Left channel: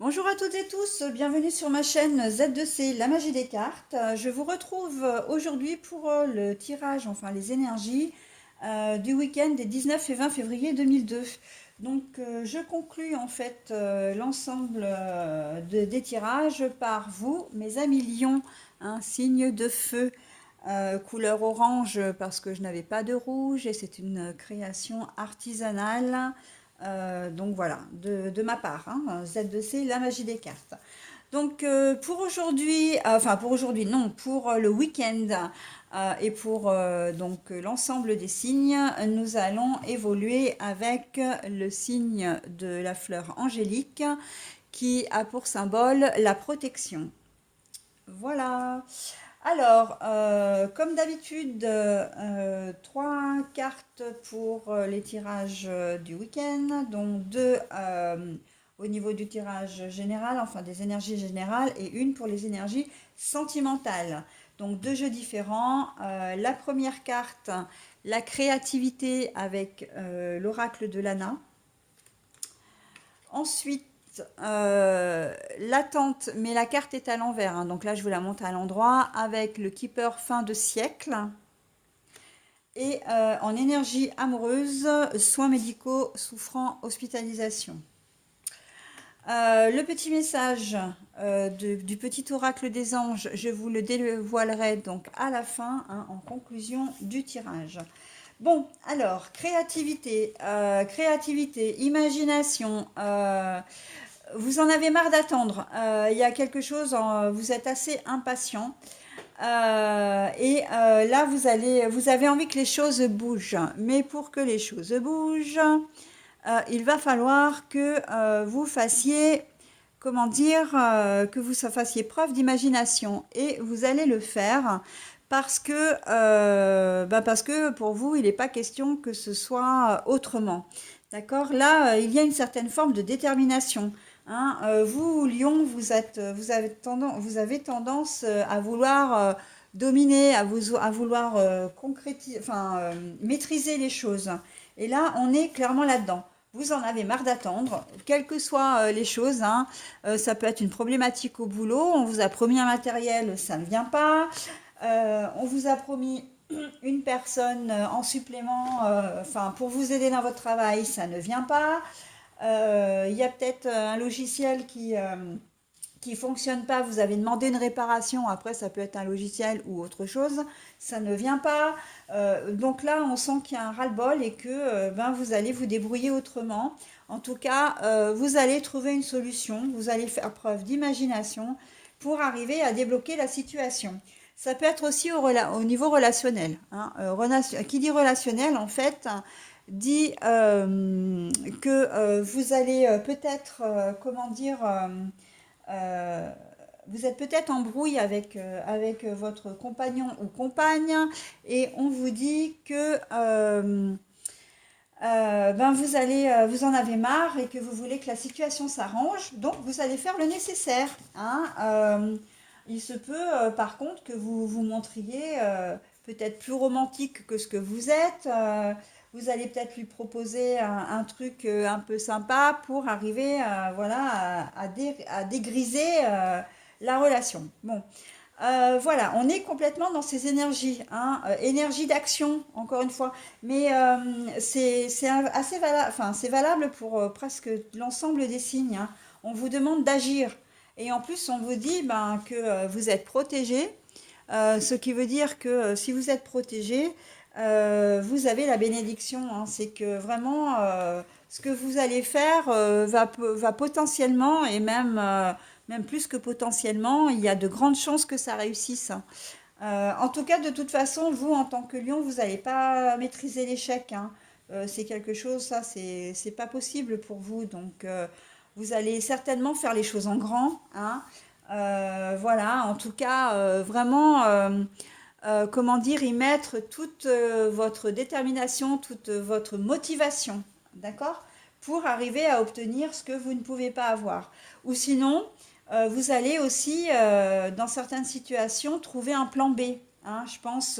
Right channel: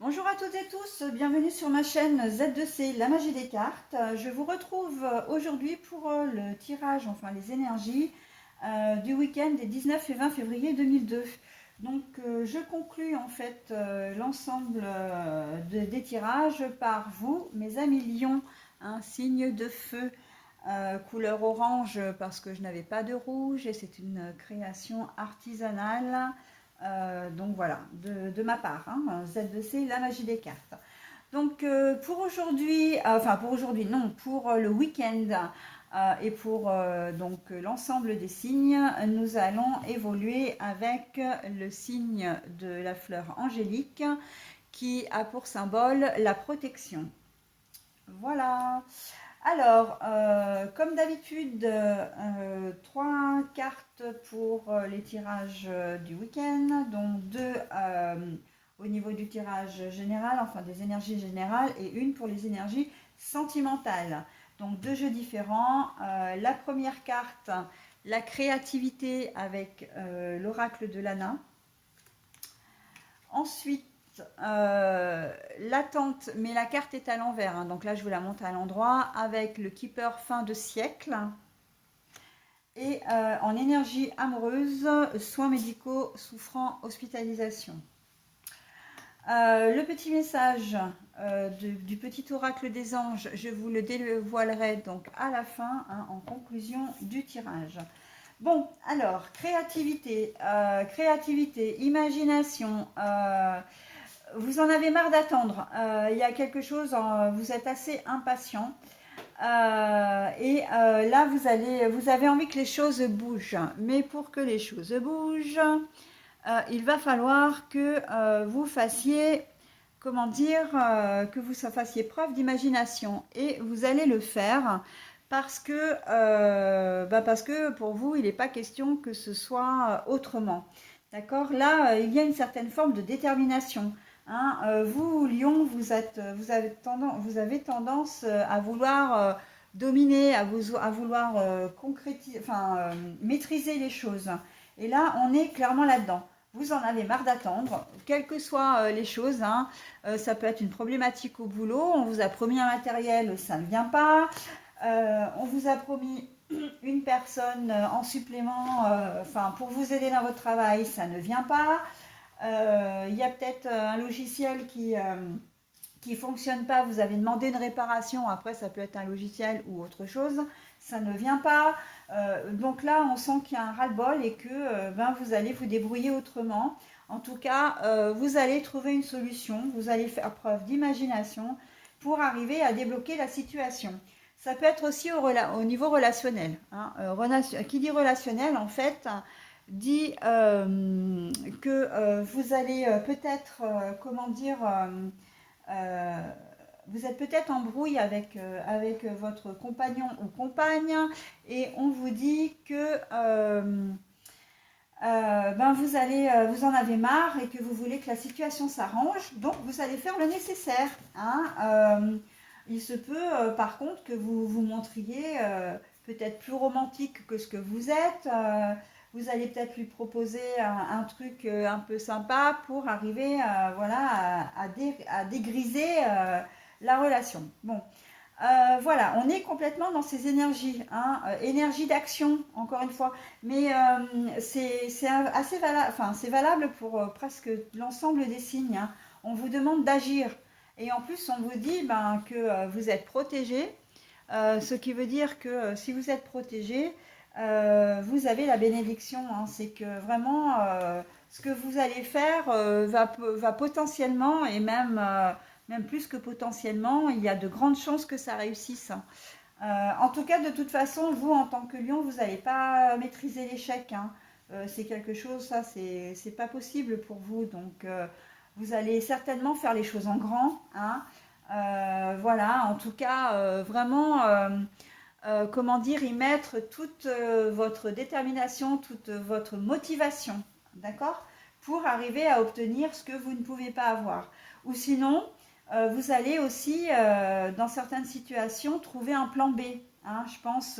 Bonjour à toutes et tous, bienvenue sur ma chaîne Z2C, la magie des cartes. Je vous retrouve aujourd'hui pour le tirage, enfin les énergies du week-end des 19 et 20 février 2002. Donc je conclus en fait l'ensemble des tirages par vous, mes amis lions, un signe de feu. Couleur orange parce que je n'avais pas de rouge et c'est une création artisanale. Donc voilà, de ma part, hein, Z2C, la magie des cartes. Donc pour aujourd'hui, enfin pour aujourd'hui, non, pour le week-end et pour donc l'ensemble des signes, nous allons évoluer avec le signe de la fleur angélique qui a pour symbole la protection. Voilà. Alors, comme d'habitude, trois cartes pour les tirages du week-end, donc deux au niveau du tirage général, enfin des énergies générales, et une pour les énergies sentimentales. Donc deux jeux différents. La première carte, la créativité avec l'oracle de Lana. Ensuite, l'attente, mais la carte est à l'envers, hein, donc là je vous la montre à l'endroit, avec le Keeper fin de siècle. Et en énergie amoureuse, soins médicaux souffrant hospitalisation. Le petit message du petit oracle des anges, je vous le dévoilerai donc à la fin, hein, en conclusion du tirage. Bon, alors, créativité, imagination, vous en avez marre d'attendre. Il y a quelque chose, vous êtes assez impatient. Là, vous avez envie que les choses bougent. Mais pour que les choses bougent, il va falloir que vous fassiez, comment dire, que vous fassiez preuve d'imagination. Et vous allez le faire parce que pour vous, il n'est pas question que ce soit autrement. D'accord? Là, il y a une certaine forme de détermination. Hein. Vous, Lion, vous avez tendance à vouloir dominer, à vouloir maîtriser les choses. Et là, on est clairement là-dedans. Vous en avez marre d'attendre, quelles que soient les choses, hein. Ça peut être une problématique au boulot, on vous a promis un matériel, ça ne vient pas. On vous a promis une personne en supplément, pour vous aider dans votre travail, ça ne vient pas. Il y a peut-être un logiciel qui fonctionne pas, vous avez demandé une réparation, après ça peut être un logiciel ou autre chose, ça ne vient pas. Donc là, on sent qu'il y a un ras-le-bol et que vous allez vous débrouiller autrement. En tout cas, vous allez trouver une solution, vous allez faire preuve d'imagination pour arriver à débloquer la situation. Ça peut être aussi au niveau relationnel, hein. Qui dit relationnel, en fait, dit que vous allez peut-être, comment dire, euh, vous êtes peut-être en brouille avec votre compagnon ou compagne et on vous dit que vous en avez marre et que vous voulez que la situation s'arrange, donc vous allez faire le nécessaire, hein. Il se peut par contre que vous vous montriez peut-être plus romantique que ce que vous êtes. Vous allez peut-être lui proposer un truc un peu sympa pour arriver à dégriser la relation. Bon, voilà, on est complètement dans ces énergies, hein, énergie d'action, encore une fois. Mais c'est assez valable, enfin, c'est valable pour presque l'ensemble des signes, hein. On vous demande d'agir. Et en plus, on vous dit que vous êtes protégé, ce qui veut dire que si vous êtes protégé, vous avez la bénédiction, hein. C'est que vraiment, ce que vous allez faire va potentiellement, et même plus que potentiellement, il y a de grandes chances que ça réussisse, hein. En tout cas, de toute façon, vous, en tant que lion, vous n'allez pas maîtriser l'échec, hein. C'est quelque chose, ça, c'est pas possible pour vous. Donc, vous allez certainement faire les choses en grand, hein. Voilà, en tout cas, vraiment, comment dire, y mettre toute votre détermination, toute votre motivation, d'accord? Pour arriver à obtenir ce que vous ne pouvez pas avoir. Ou sinon, vous allez aussi, dans certaines situations, trouver un plan B, hein. Je pense,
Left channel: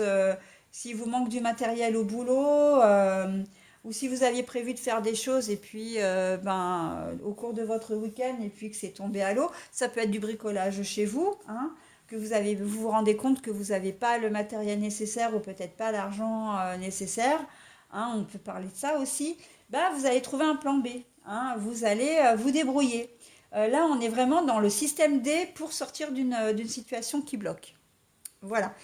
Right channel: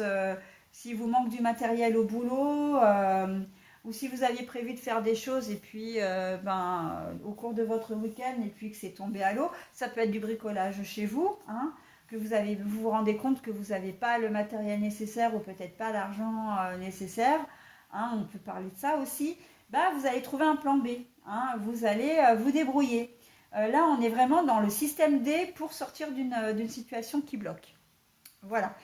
si vous manque du matériel au boulot, ou si vous aviez prévu de faire des choses et puis au cours de votre week-end et puis que c'est tombé à l'eau, ça peut être du bricolage chez vous, hein, que vous vous rendez compte que vous n'avez pas le matériel nécessaire ou peut-être pas l'argent nécessaire, hein, on peut parler de ça aussi, bah, vous allez trouver un plan B, hein, vous allez vous débrouiller. Là, on est vraiment dans le système D pour sortir d'une situation qui bloque. Voilà.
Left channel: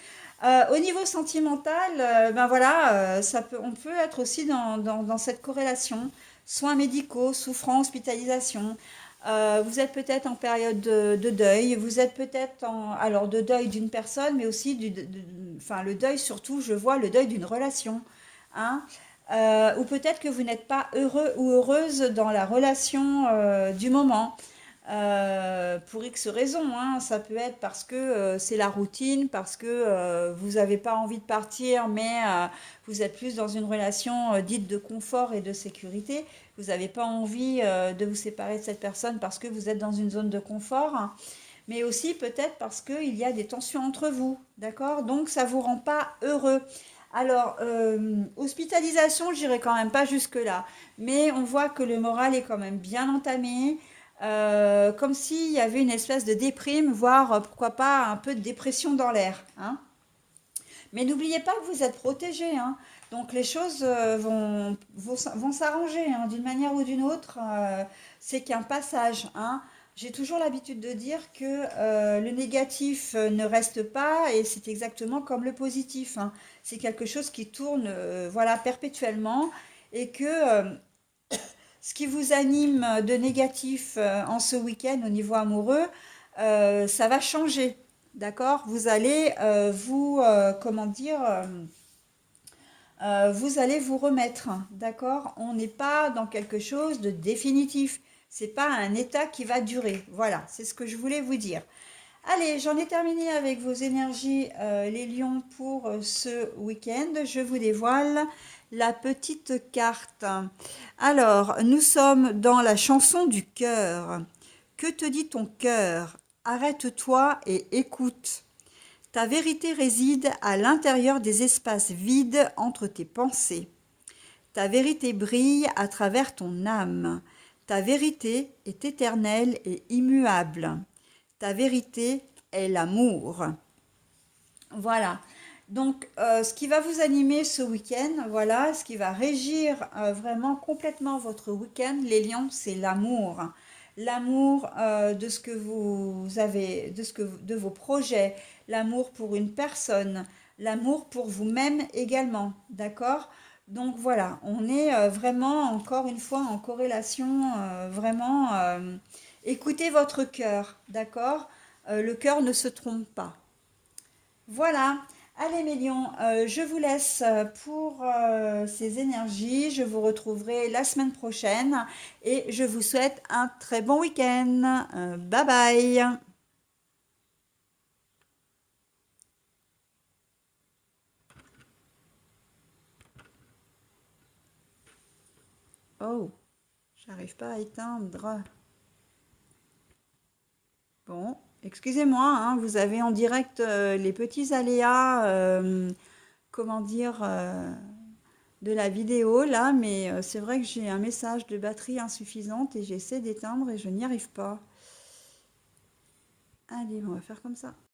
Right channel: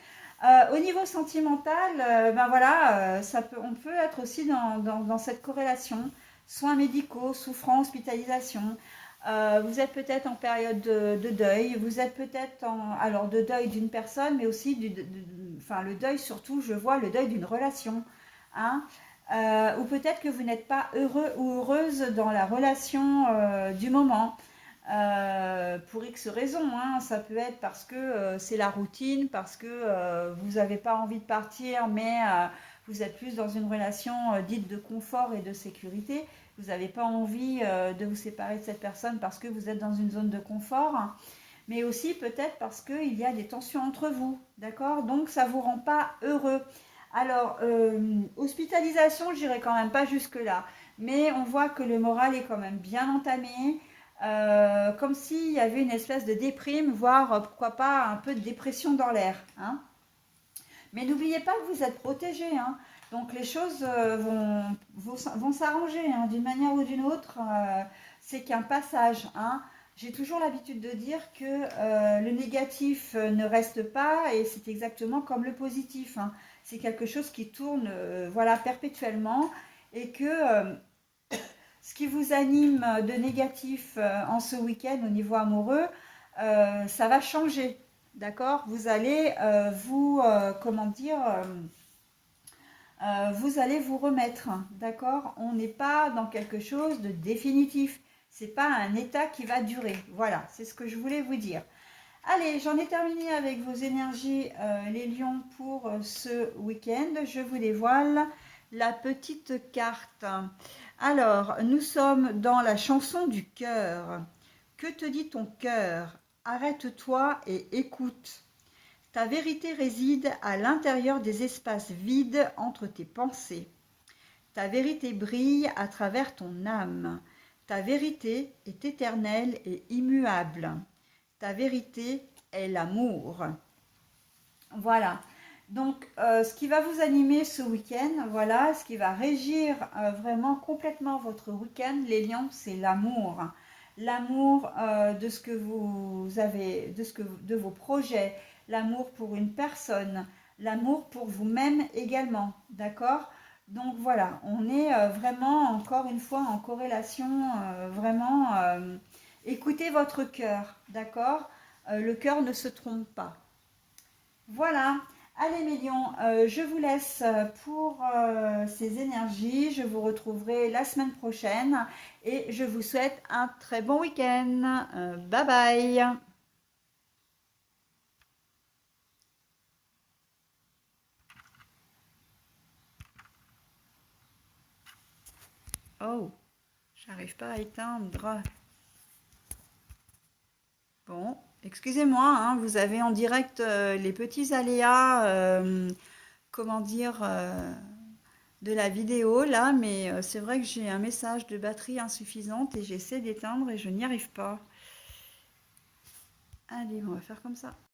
Au niveau sentimental, ben voilà, on peut être aussi dans cette corrélation. Soins médicaux, souffrance, hospitalisation. Vous êtes peut-être en période de deuil. Vous êtes peut-être alors de deuil d'une personne, mais aussi enfin le deuil surtout, je vois le deuil d'une relation, hein. Ou peut-être que vous n'êtes pas heureux ou heureuse dans la relation du moment. Pour X raisons, hein. Ça peut être parce que c'est la routine, parce que vous n'avez pas envie de partir, mais vous êtes plus dans une relation dite de confort et de sécurité. Vous n'avez pas envie de vous séparer de cette personne parce que vous êtes dans une zone de confort, hein. Mais aussi peut-être parce qu'il y a des tensions entre vous, d'accord? Donc ça ne vous rend pas heureux. Alors, hospitalisation, je n'irai quand même pas jusque-là, mais on voit que le moral est quand même bien entamé, comme s'il y avait une espèce de déprime, voire pourquoi pas un peu de dépression dans l'air, hein. Mais n'oubliez pas que vous êtes protégé, hein. Donc les choses vont s'arranger, hein, d'une manière ou d'une autre. C'est qu'un passage, hein. J'ai toujours l'habitude de dire que le négatif ne reste pas et c'est exactement comme le positif, hein. C'est quelque chose qui tourne voilà, perpétuellement et que ce qui vous anime de négatif en ce week-end au niveau amoureux, ça va changer. D'accord? Vous allez comment dire, vous allez vous remettre. D'accord? On n'est pas dans quelque chose de définitif. C'est pas un état qui va durer. Voilà, c'est ce que je voulais vous dire. Allez, j'en ai terminé avec vos énergies, les lions, pour ce week-end. Je vous dévoile la petite carte. Alors, nous sommes dans la chanson du cœur. Que te dit ton cœur? Arrête-toi et écoute. Ta vérité réside à l'intérieur des espaces vides entre tes pensées. Ta vérité brille à travers ton âme. Ta vérité est éternelle et immuable. Ta vérité est l'amour. Voilà. Donc, ce qui va vous animer ce week-end, voilà, ce qui va régir vraiment complètement votre week-end, les lions, c'est l'amour. L'amour de ce que vous avez, de vos projets, l'amour pour une personne, l'amour pour vous-même également, d'accord? Donc voilà, on est vraiment encore une fois en corrélation, vraiment, écoutez votre cœur, d'accord? Le cœur ne se trompe pas. Voilà. Allez mes lions, je vous laisse pour ces énergies. Je vous retrouverai la semaine prochaine et je vous souhaite un très bon week-end. Bye bye. Oh, j'arrive pas à éteindre. Bon, excusez-moi, hein, vous avez en direct les petits aléas, comment dire, de la vidéo là, mais c'est vrai que j'ai un message de batterie insuffisante et j'essaie d'éteindre et je n'y arrive pas. Allez, on va faire comme ça.